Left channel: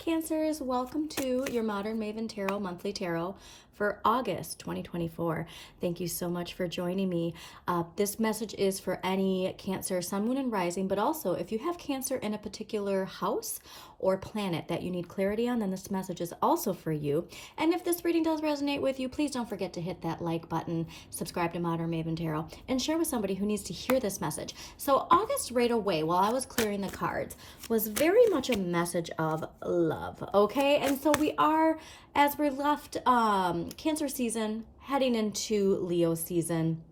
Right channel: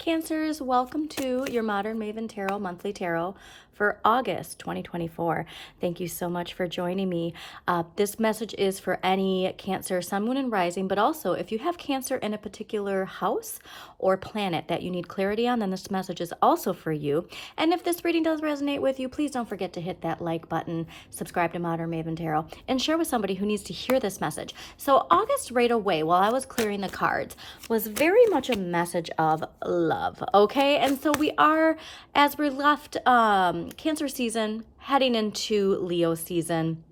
Cancers, welcome to your Modern Maven Tarot Monthly Tarot for August 2024. Thank you so much for joining me. This message is for any Cancer, Sun, Moon, and Rising, but also if you have Cancer in a particular house or planet that you need clarity on, then this message is also for you. And if this reading does resonate with you, please don't forget to hit that like button, subscribe to Modern Maven Tarot, and share with somebody who needs to hear this message. So August right away, while I was clearing the cards, was very much a message of love, okay? And so we are, as we left Cancer season, heading into Leo season,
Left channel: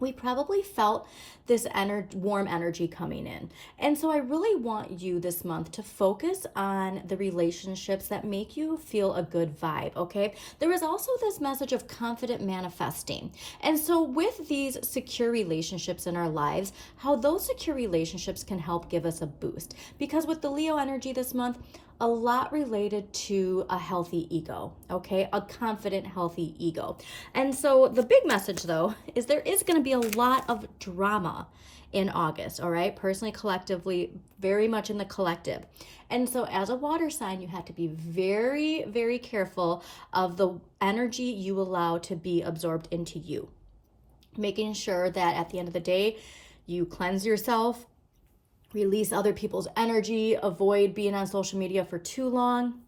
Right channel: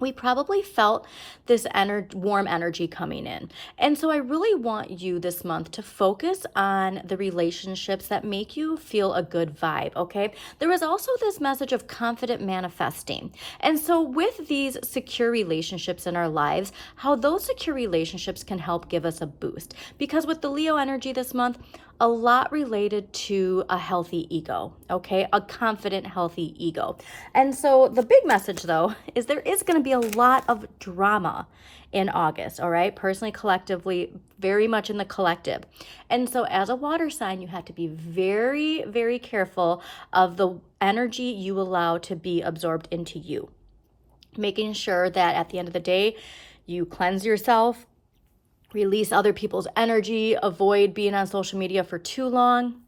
we probably felt this warm energy coming in. And so I really want you this month to focus on the relationships that make you feel a good vibe, okay? There is also this message of confident manifesting. And so with these secure relationships in our lives, how those secure relationships can help give us a boost. Because with the Leo energy this month, a lot related to a healthy ego, okay? A confident, healthy ego. And so the big message, though, is there is going to be a lot of drama in August, all right? Personally, collectively, very much in the collective. And so as a water sign, you have to be very, very careful of the energy you allow to be absorbed into you. Making sure that at the end of the day, you cleanse yourself, release other people's energy, avoid being on social media for too long,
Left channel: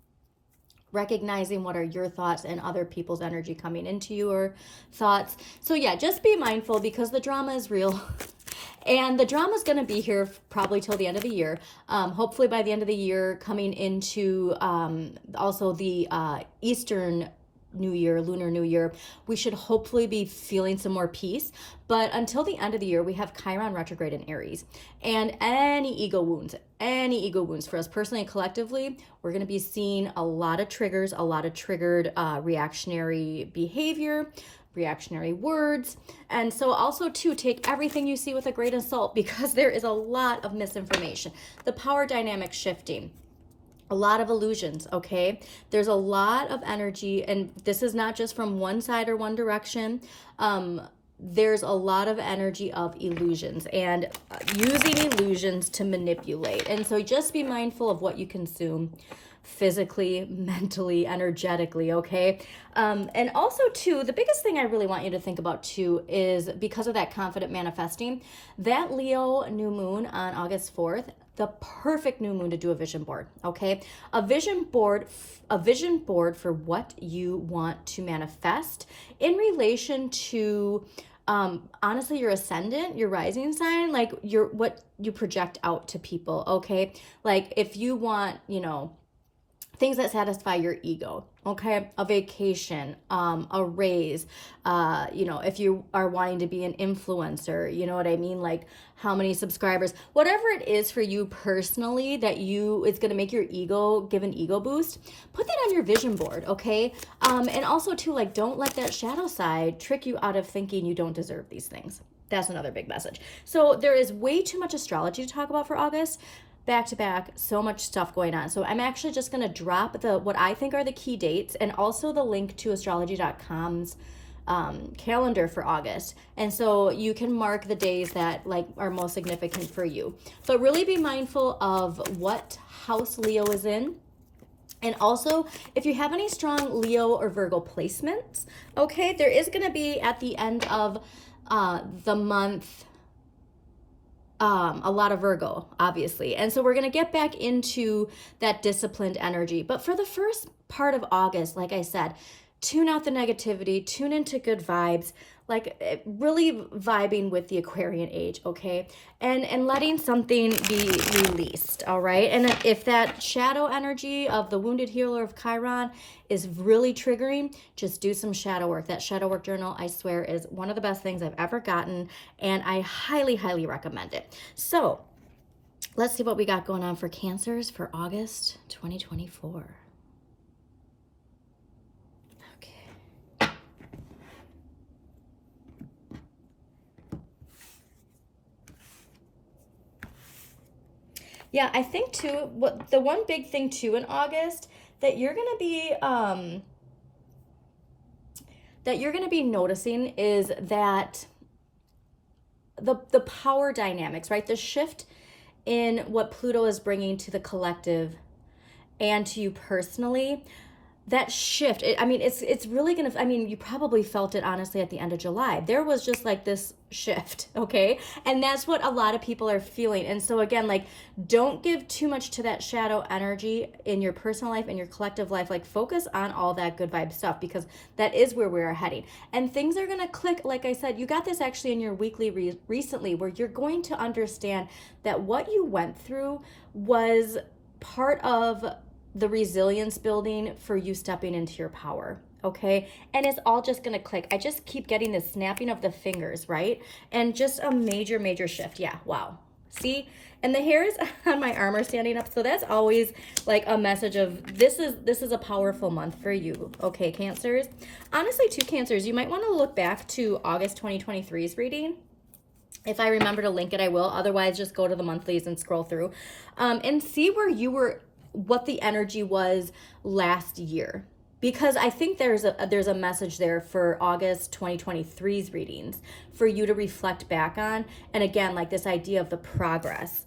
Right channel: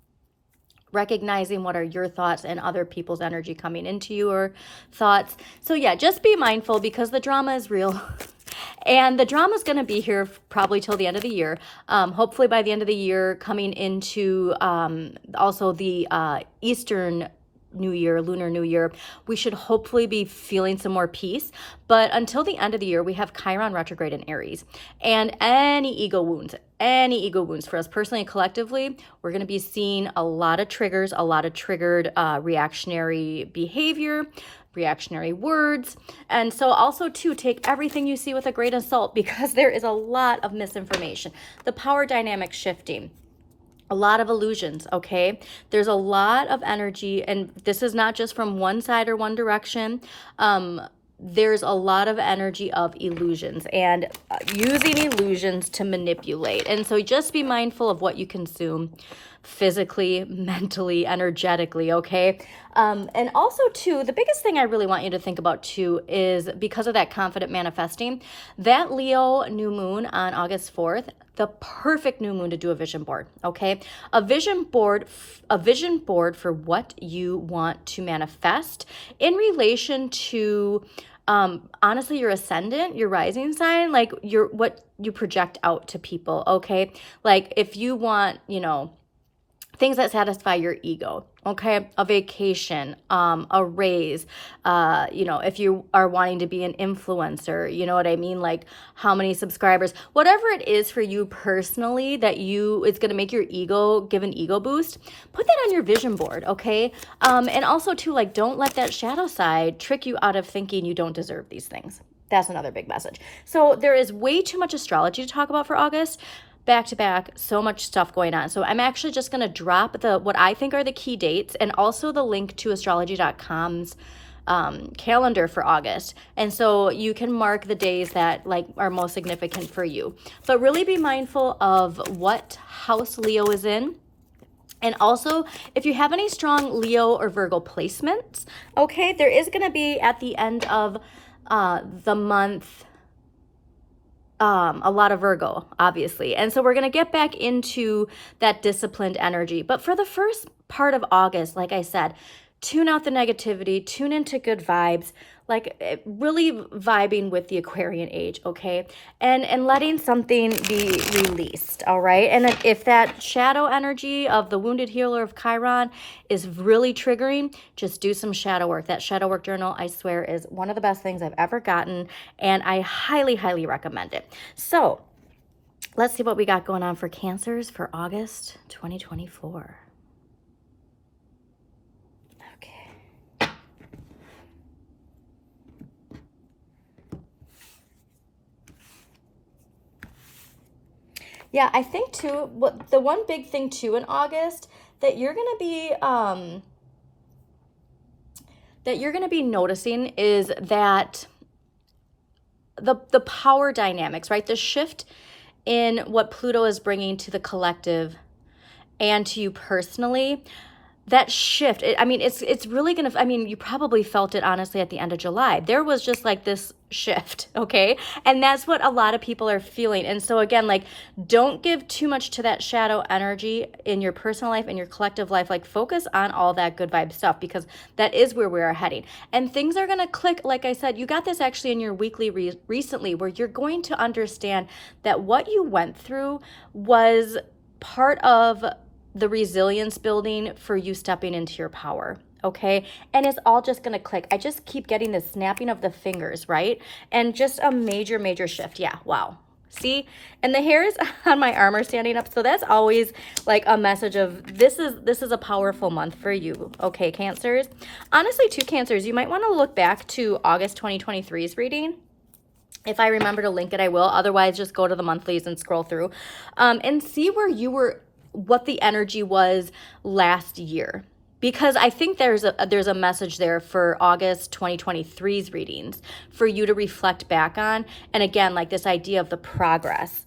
recognizing what are your thoughts and other people's energy coming into your thoughts. So yeah, just be mindful because the drama is real. And the drama is going to be here probably till the end of the year. Hopefully by the end of the year, coming into also the Eastern New Year, Lunar New Year, we should hopefully be feeling some more peace. But until the end of the year, we have Chiron retrograde in Aries. And any ego wounds for us personally and collectively, we're going to be seeing a lot of triggers, a lot of triggered reactionary behavior, reactionary words. And so also too, take everything you see with a grain of salt because there is a lot of misinformation. The power dynamic shifting. A lot of illusions, okay? There's a lot of energy, and this is not just from one side or one direction. There's a lot of energy of illusions and using illusions to manipulate. And so just be mindful of what you consume physically, mentally, energetically, okay? And also too, the biggest thing I really want you to think about too is because of that confident manifesting, that Leo new moon on August 4th, the perfect new moon to do a vision board, okay? A vision board for what you want to manifest in relation to honestly your ascendant, your rising sign, like what you project out to people, okay? Like if you want, things that satisfy your ego, okay? A vacation, a raise, if you are wanting to be an influencer, you know what I mean? Like how many subscribers, whatever it is for you personally that it's going to make your ego, give an ego boost, put that on your vision board, okay? And also too, like, don't let that shadow side trick you out of thinking you don't deserve these things. That's another big message. So there is way too much astrology to talk about for August. Back to back, so much stuff going on. So I'm actually just going to drop what I think are the key dates and also the link to astrology.com's calendar for August. And so you can mark the days that are most significant for you. But really be mindful of what house Leo is in. And also, if you have any strong Leo or Virgo placements, okay, there is going to be at the end of the month a lot of Virgo, obviously. And so we're going to get back into that disciplined energy. But for the first part of August, like I said, tune out the negativity, tune into good vibes, like really vibing with the Aquarian age, okay? And letting something be released, all right? And if that shadow energy of the wounded healer of Chiron is really triggering, just do some shadow work. That shadow work journal, I swear, is one of the best things I've ever gotten, and I highly, highly recommend it. So let's see what we got going on for Cancers for August 2024. Yeah, I think too, the one big thing too in August that you're gonna be noticing is that the power dynamics, right? The shift in what Pluto is bringing to the collective and to you personally, that shift, it's really gonna, you probably felt it honestly at the end of July. There was just like this shift, okay? And that's what a lot of people are feeling. And so again, like, don't give too much to that shadow energy in your personal life and your collective life. Like, focus on all that good vibe stuff, because that is where we are heading. And things are gonna click. Like I said, you got this actually in your weekly recently, where you're going to understand that what you went through was part of the resilience building for you stepping into your power, okay? And it's all just gonna click. I just keep getting this snapping of the fingers, right? And just a major, major shift. Yeah, wow. See? And the hairs on my arm are standing up. So that's always like a message of this is a powerful month for you, okay, Cancers? Honestly, too, Cancers, you might wanna look back to August 2023's reading. If I remember to link it, I will. Otherwise, just go to the monthlies and scroll through and see where you were, what the energy was last year, because I think there's a message there for August 2023's readings for you to reflect back on. And again, like this idea of the progress.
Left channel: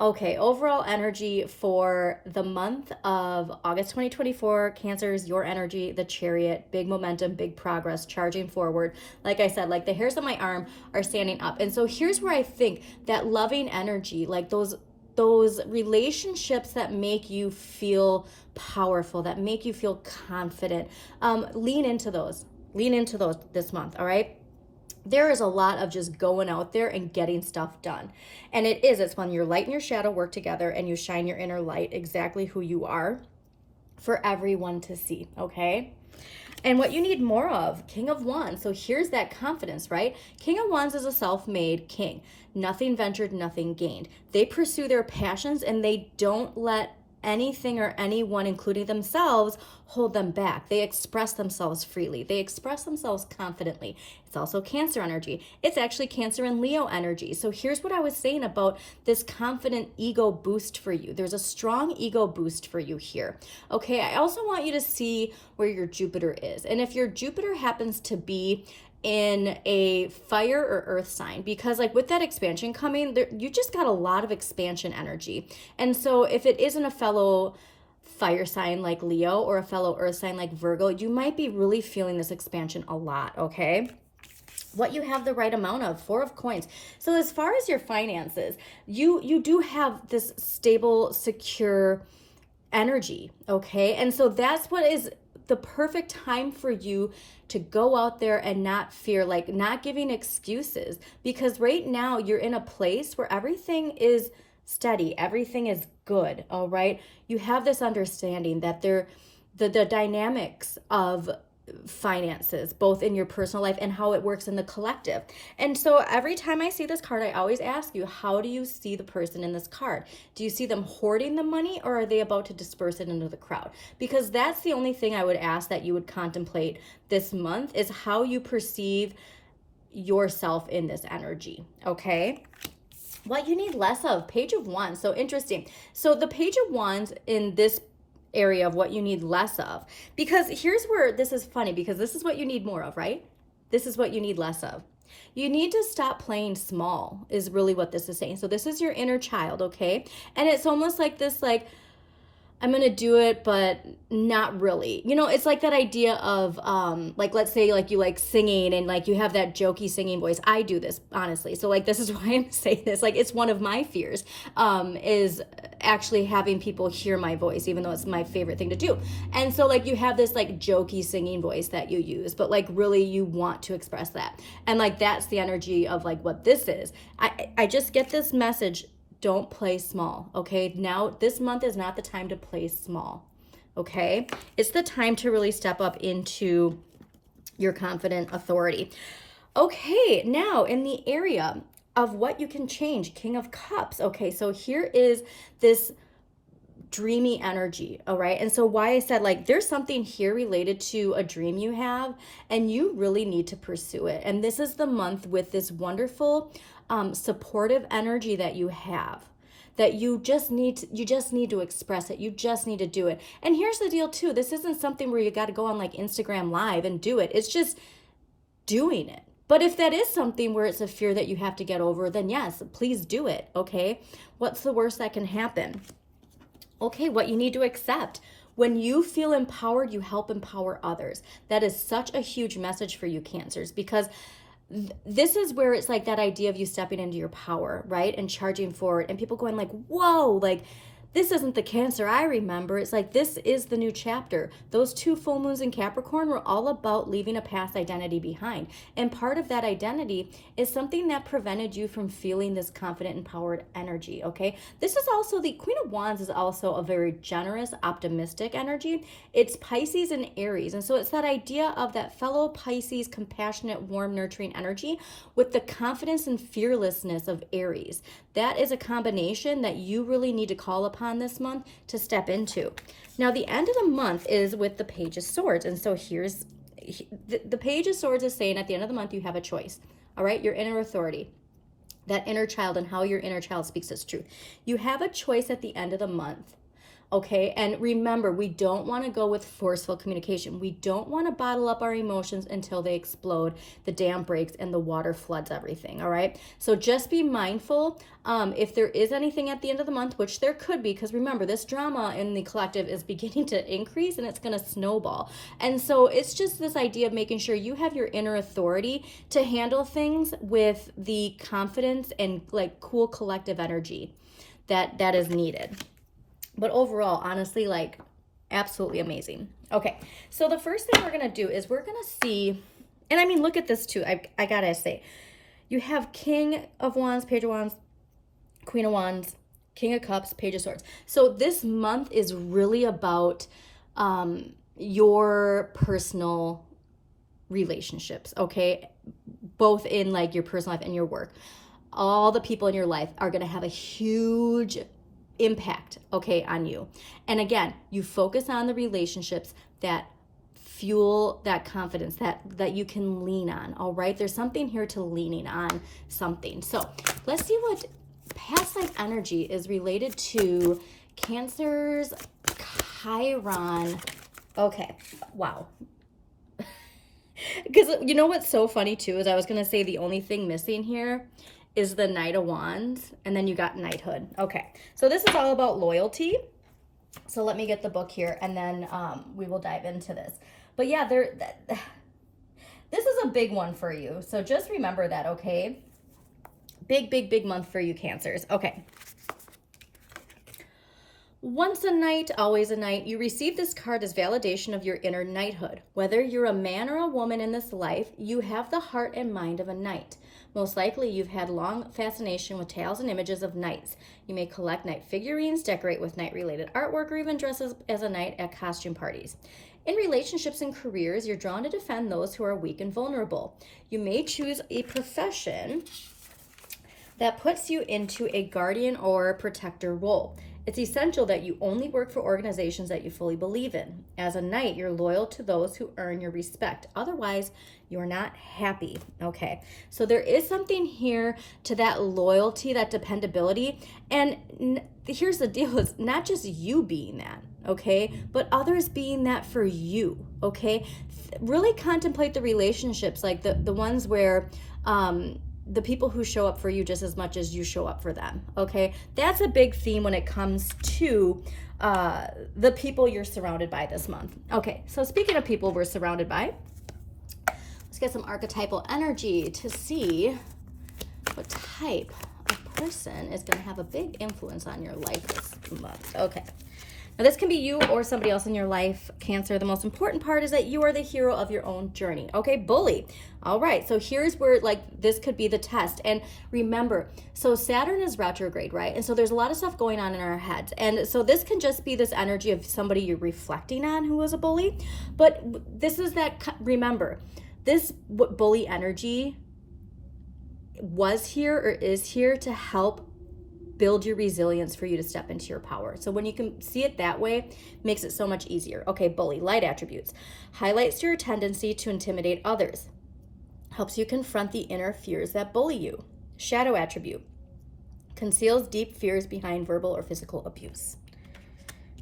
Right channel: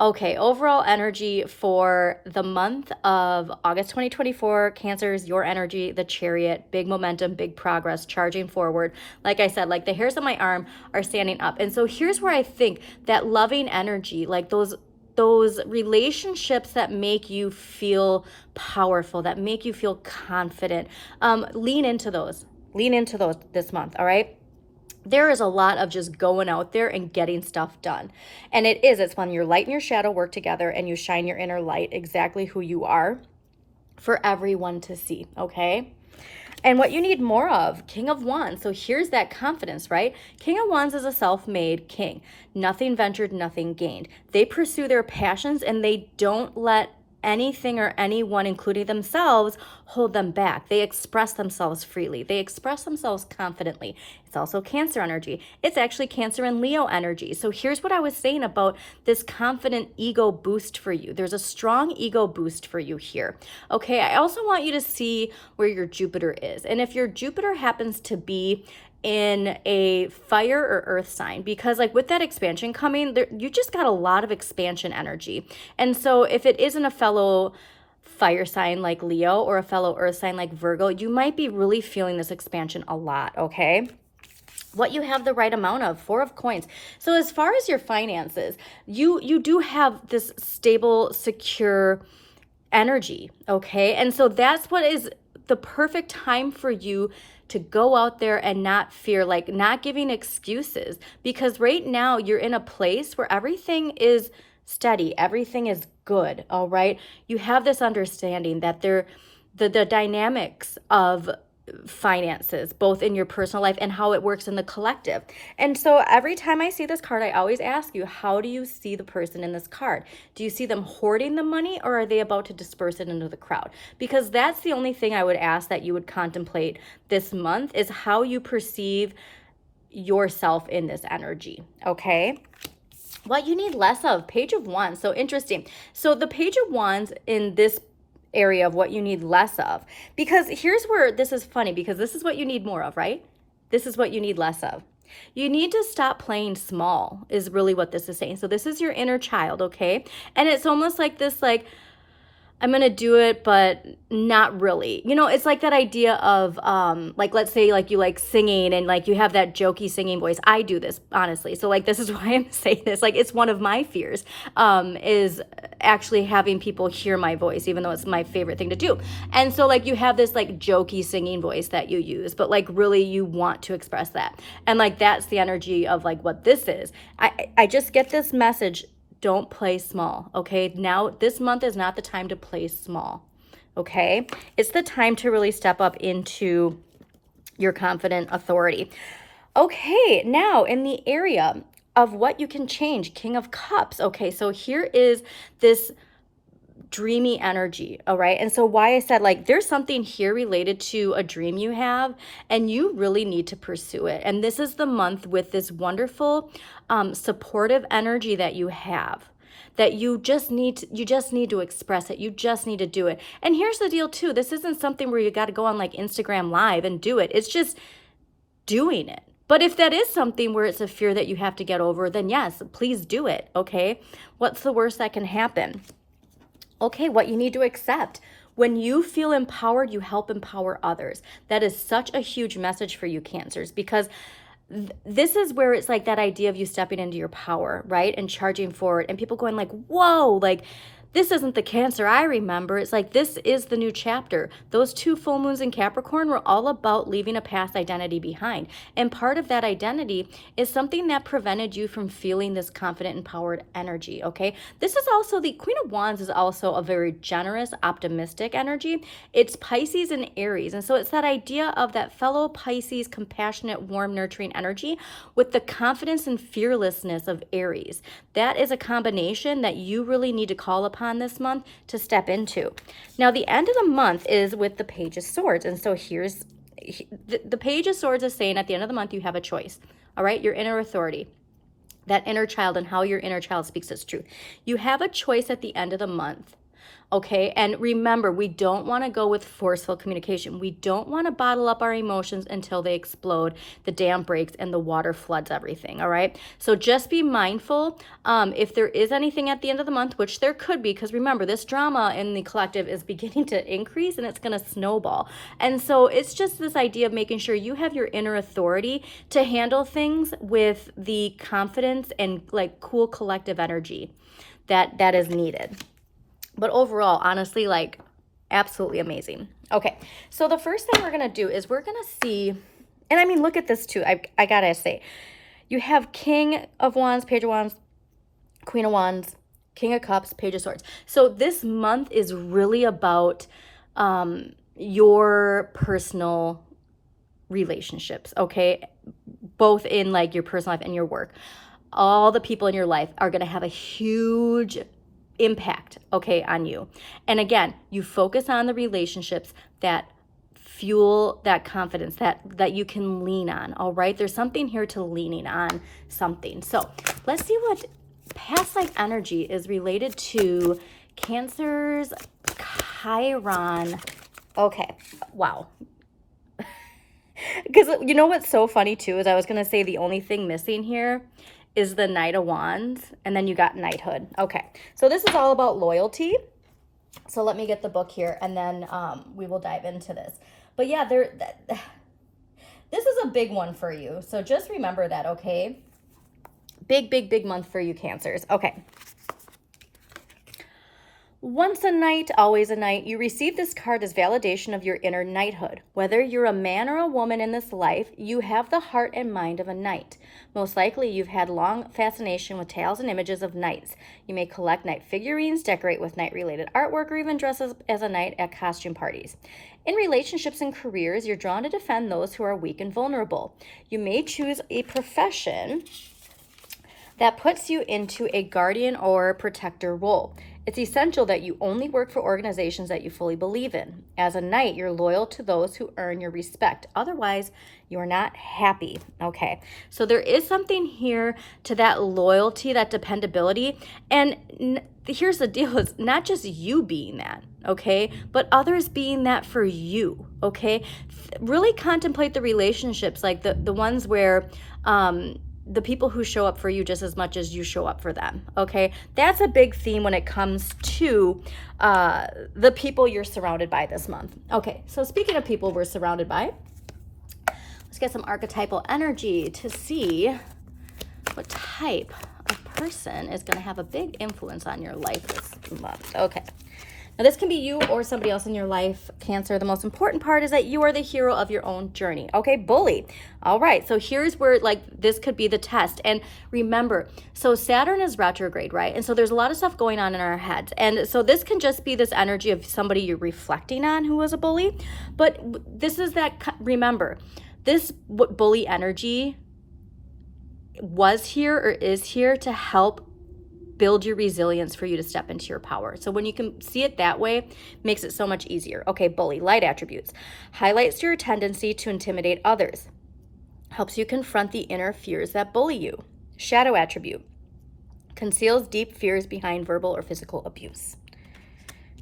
Okay, overall energy for the month of August 2024, Cancers, your energy, the Chariot, big momentum, big progress, charging forward. Like I said, like the hairs on my arm are standing up. And so here's where I think that loving energy, like those relationships that make you feel powerful, that make you feel confident, lean into those this month, all right? There is a lot of just going out there and getting stuff done. And it's when your light and your shadow work together and you shine your inner light, exactly who you are, for everyone to see, okay? And what you need more of, King of Wands. So here's that confidence, right? King of Wands is a self-made king. Nothing ventured, nothing gained. They pursue their passions and they don't let anything or anyone, including themselves, hold them back. They express themselves freely. They express themselves confidently. It's also Cancer energy. It's actually Cancer and Leo energy. So here's what I was saying about this confident ego boost for you. There's a strong ego boost for you here. Okay, I also want you to see where your Jupiter is. And if your Jupiter happens to be in a fire or earth sign, because like with that expansion coming there, you just got a lot of expansion energy. And so if it isn't a fellow fire sign like Leo or a fellow earth sign like Virgo, you might be really feeling this expansion a lot, okay? What you have the right amount of, 4 of coins. So as far as your finances, you do have this stable, secure energy, okay? And so that's what is the perfect time for you to go out there and not fear, like not giving excuses, because right now you're in a place where everything is steady, everything is good, all right? You have this understanding that the dynamics of finances, both in your personal life and how it works in the collective. And so every time I see this card, I always ask you, how do you see the person in this card? Do you see them hoarding the money, or are they about to disperse it into the crowd? Because that's the only thing I would ask that you would contemplate this month, is how you perceive yourself in this energy, okay? What you need less of, Page of Wands. So interesting. So the Page of Wands in this area of what you need less of, because here's where this is funny, because this is what you need more of, right? This is what you need less of. You need to stop playing small, is really what this is saying. So this is your inner child, okay? And it's almost like this, like, I'm going to do it, but not really. You know, it's like that idea of, like, let's say like you like singing and like you have that jokey singing voice. I do this, honestly. So like, this is why I'm saying this. Like, it's one of my fears, is actually having people hear my voice, even though it's my favorite thing to do. And so like, you have this like jokey singing voice that you use, but like really you want to express that. And like, that's the energy of like what this is. I just get this message. Don't play small, okay? Now, this month is not the time to play small, okay? It's the time to really step up into your confident authority. Okay, now in the area of what you can change, King of Cups. Okay, so here is this dreamy energy, all right? And so why I said like there's something here related to a dream you have and you really need to pursue it. And this is the month with this wonderful supportive energy that you have, that you just need to express it. You just need to do it. And here's the deal too. This isn't something where you got to go on like Instagram Live and do it. It's just doing it. But if that is something where it's a fear that you have to get over, then yes, please do it, okay? What's the worst that can happen? Okay, what you need to accept. When you feel empowered, you help empower others. That is such a huge message for you, Cancers, because this is where it's like that idea of you stepping into your power, right? And charging forward, and people going like, whoa, like, this isn't the Cancer I remember. It's like, this is the new chapter. Those 2 full moons in Capricorn were all about leaving a past identity behind. And part of that identity is something that prevented you from feeling this confident, empowered energy, okay? This is also, the Queen of Wands is also a very generous, optimistic energy. It's Pisces and Aries. And so it's that idea of that fellow Pisces, compassionate, warm, nurturing energy with the confidence and fearlessness of Aries. That is a combination that you really need to call upon this month to step into. Now, the end of the month is with the Page of Swords. And so here's the Page of Swords is saying at the end of the month, you have a choice. All right, your inner authority, that inner child, and how your inner child speaks its truth. You have a choice at the end of the month. Okay, and remember, we don't want to go with forceful communication. We don't want to bottle up our emotions until they explode, the dam breaks, and the water floods everything, all right? So just be mindful if there is anything at the end of the month, which there could be, because remember, this drama in the collective is beginning to increase and it's going to snowball. And so it's just this idea of making sure you have your inner authority to handle things with the confidence and like cool collective energy that is needed. But overall, honestly, like, absolutely amazing. Okay, so the first thing we're going to do is we're going to see, and I mean, look at this too. I got to say, you have King of Wands, Page of Wands, Queen of Wands, King of Cups, Page of Swords. So this month is really about your personal relationships, okay? Both in like your personal life and your work. All the people in your life are going to have a huge impact, okay, on you. And again, you focus on the relationships that fuel that confidence that you can lean on, all right? There's something here to leaning on something. So let's see what past life energy is related to Cancer's Chiron. Okay, wow. Because you know what's so funny too is I was going to say the only thing missing here is the Knight of Wands, and then you got knighthood. Okay, so this is all about loyalty. So let me get the book here, and then we will dive into this. But yeah, this is a big one for you. So just remember that, okay? Big, big, big month for you, Cancers. Okay. Once a knight, always a knight. You receive this card as validation of your inner knighthood. Whether you're a man or a woman in this life, you have the heart and mind of a knight. Most likely, you've had long fascination with tales and images of knights. You may collect knight figurines, decorate with knight-related artwork, or even dress as a knight at costume parties. In relationships and careers, you're drawn to defend those who are weak and vulnerable. You may choose a profession that puts you into a guardian or protector role. It's essential that you only work for organizations that you fully believe in. As a knight, you're loyal to those who earn your respect. Otherwise, you're not happy. Okay, so there is something here to that loyalty, that dependability. And here's the deal, it's not just you being that, okay, but others being that for you, okay? Really contemplate the relationships, like the ones where the people who show up for you just as much as you show up for them, okay? That's a big theme when it comes to the people you're surrounded by this month. Okay, so speaking of people we're surrounded by, let's get some archetypal energy to see what type of person is going to have a big influence on your life this month. Okay. Now, this can be you or somebody else in your life, Cancer. The most important part is that you are the hero of your own journey. Okay, bully. All right, so here's where, like, this could be the test. And remember, so Saturn is retrograde, right? And so there's a lot of stuff going on in our heads. And so this can just be this energy of somebody you're reflecting on who was a bully. But this is that, remember, this bully energy was here or is here to help build your resilience for you to step into your power. So when you can see it that way, makes it so much easier. Okay, bully, light attributes. Highlights your tendency to intimidate others. Helps you confront the inner fears that bully you. Shadow attribute. Conceals deep fears behind verbal or physical abuse.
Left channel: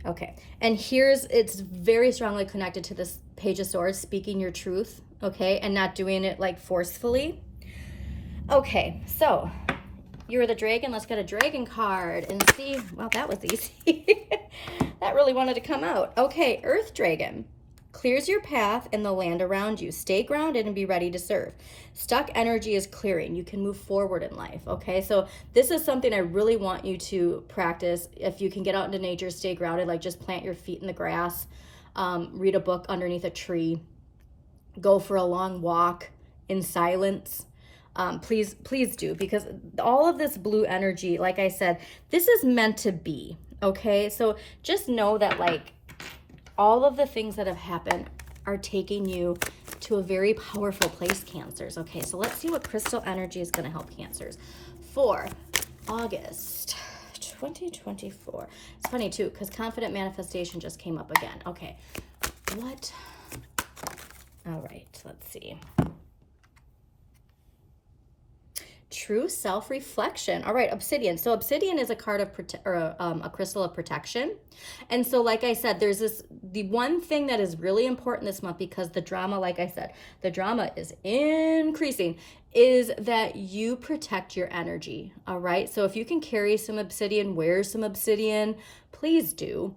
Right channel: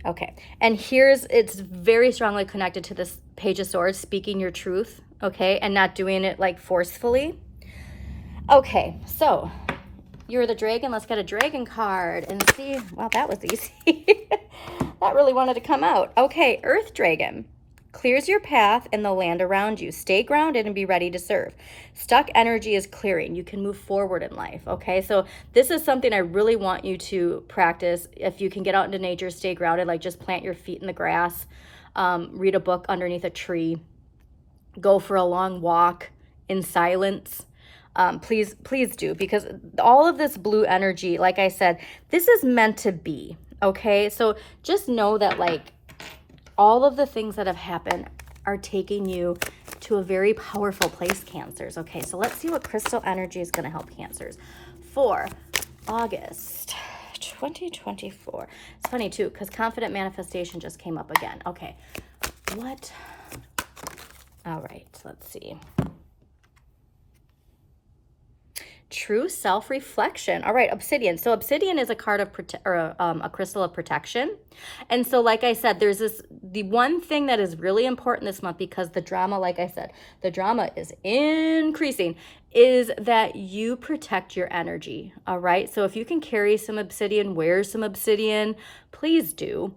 Okay, and it's very strongly connected to this Page of Swords, speaking your truth, okay, and not doing it like forcefully. Okay, so you're the dragon. Let's get a dragon card and see. Wow, that was easy. that really wanted to come out. Okay, Earth Dragon. Clears your path and the land around you. Stay grounded and be ready to serve. Stuck energy is clearing. You can move forward in life, okay? So this is something I really want you to practice. If you can get out into nature, stay grounded, like just plant your feet in the grass, read a book underneath a tree, go for a long walk in silence. Please do, because all of this blue energy, like I said, this is meant to be, okay? So just know that, like, all of the things that have happened are taking you to a very powerful place, Cancers. Okay, so let's see what crystal energy is going to help Cancers for August 2024. It's funny too, because confident manifestation just came up again. Okay, what? All right, let's see. True self-reflection. All right, obsidian. So obsidian is a card of a crystal of protection. And so, like I said, there's the one thing that is really important this month, because the drama, like I said, the drama is increasing, is that you protect your energy. All right. So if you can carry some obsidian, wear some obsidian, please do.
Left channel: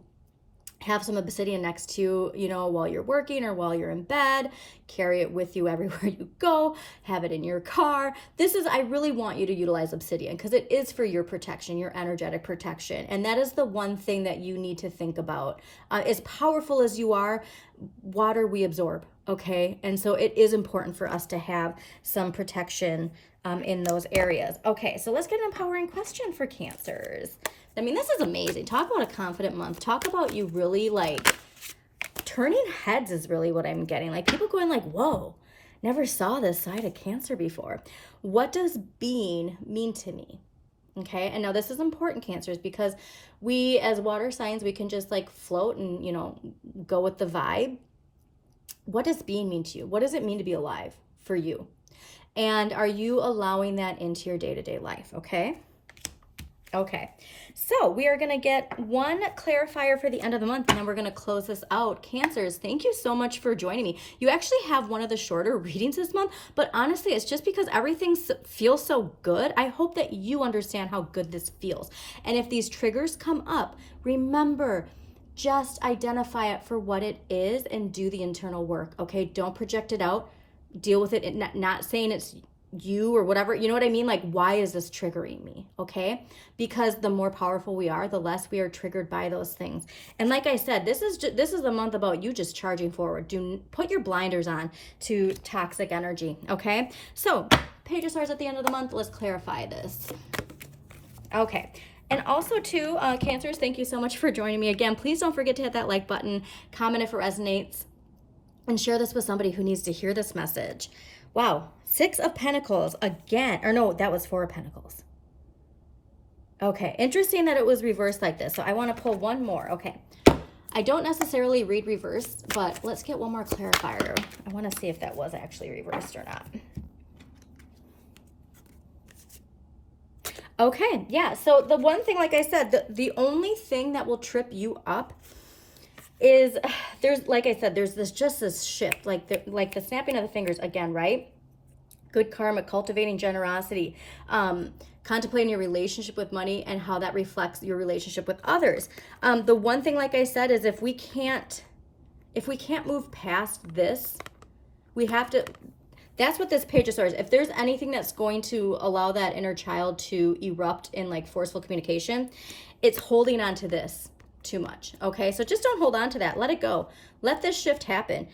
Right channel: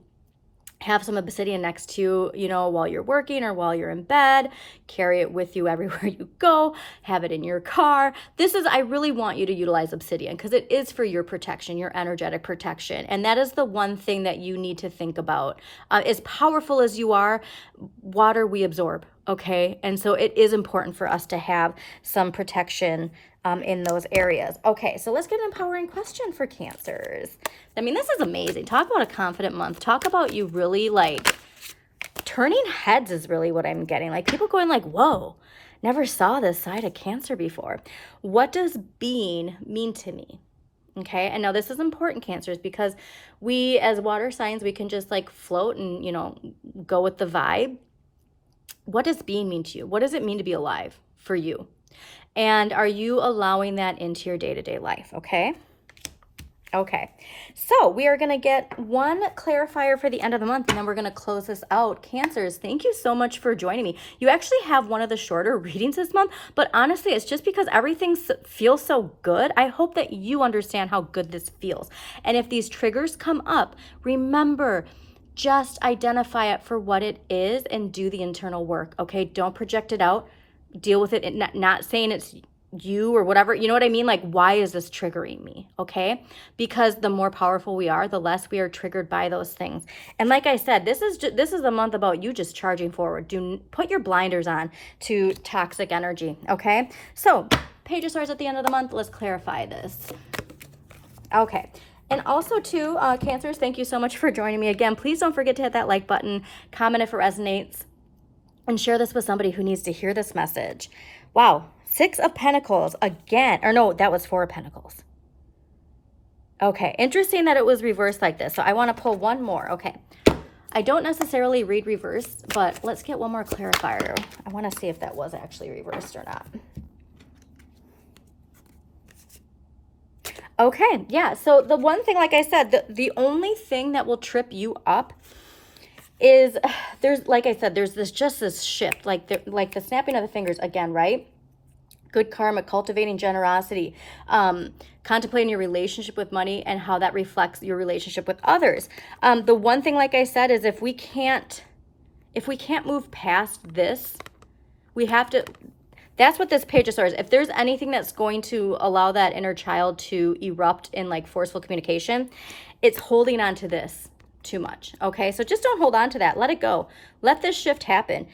Have some obsidian next to you, you know, while you're working or while you're in bed. Carry it with you everywhere you go. Have it in your car. I really want you to utilize obsidian because it is for your protection, your energetic protection. And that is the one thing that you need to think about. As powerful as you are, water we absorb, okay? And so it is important for us to have some protection in those areas. Okay, so let's get an empowering question for Cancers. I mean, this is amazing. Talk about a confident month. Talk about you really, like, turning heads is really what I'm getting. Like, people going like, whoa, never saw this side of Cancer before. What does being mean to me? Okay, and now this is important, Cancers, because we as water signs, we can just like float and, you know, go with the vibe. What does being mean to you? What does it mean to be alive for you? And are you allowing that into your day-to-day life? Okay. Okay, so we are going to get one clarifier for the end of the month, and then we're going to close this out. Cancers, thank you so much for joining me. You actually have one of the shorter readings this month, but honestly, it's just because everything feels so good. I hope that you understand how good this feels. And if these triggers come up, remember, just identify it for what it is and do the internal work, okay? Don't project it out. Deal with it, not saying it's you or whatever, you know what I mean? Like, why is this triggering me? Okay, because the more powerful we are, the less we are triggered by those things. And like I said, this is a month about you just charging forward. Put your blinders on to toxic energy. Okay, so Page of Swords at the end of the month. Let's clarify this. Okay. And also too, Cancers, thank you so much for joining me again. Please don't forget to hit that like button, comment if it resonates, and share this with somebody who needs to hear this message. Wow, 6 of Pentacles again. Or no, that was 4 of Pentacles. Okay, interesting that it was reversed like this. So I want to pull one more. Okay, I don't necessarily read reverse, but let's get one more clarifier. I want to see if that was actually reversed or not. Okay, yeah, so the one thing, like I said, the only thing that will trip you up is like I said, there's this shift, like the snapping of the fingers again, right? Good karma, cultivating generosity, contemplating your relationship with money and how that reflects your relationship with others. The one thing, like I said, is if we can't move past this, we have to. That's what this Page of Swords. If there's anything that's going to allow that inner child to erupt in like forceful communication, it's holding on to this too much. Okay, so just don't hold on to that. Let it go. Let this shift happen.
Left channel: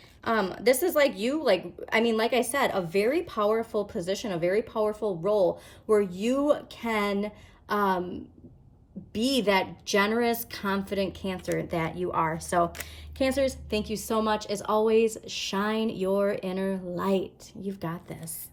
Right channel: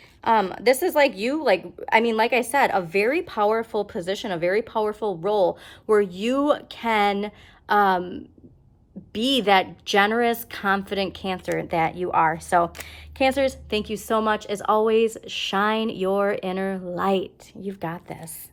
This is like you, like I said, a very powerful position, a very powerful role where you can be that generous, confident Cancer that you are. So Cancers, thank you so much. As always, shine your inner light. You've got this.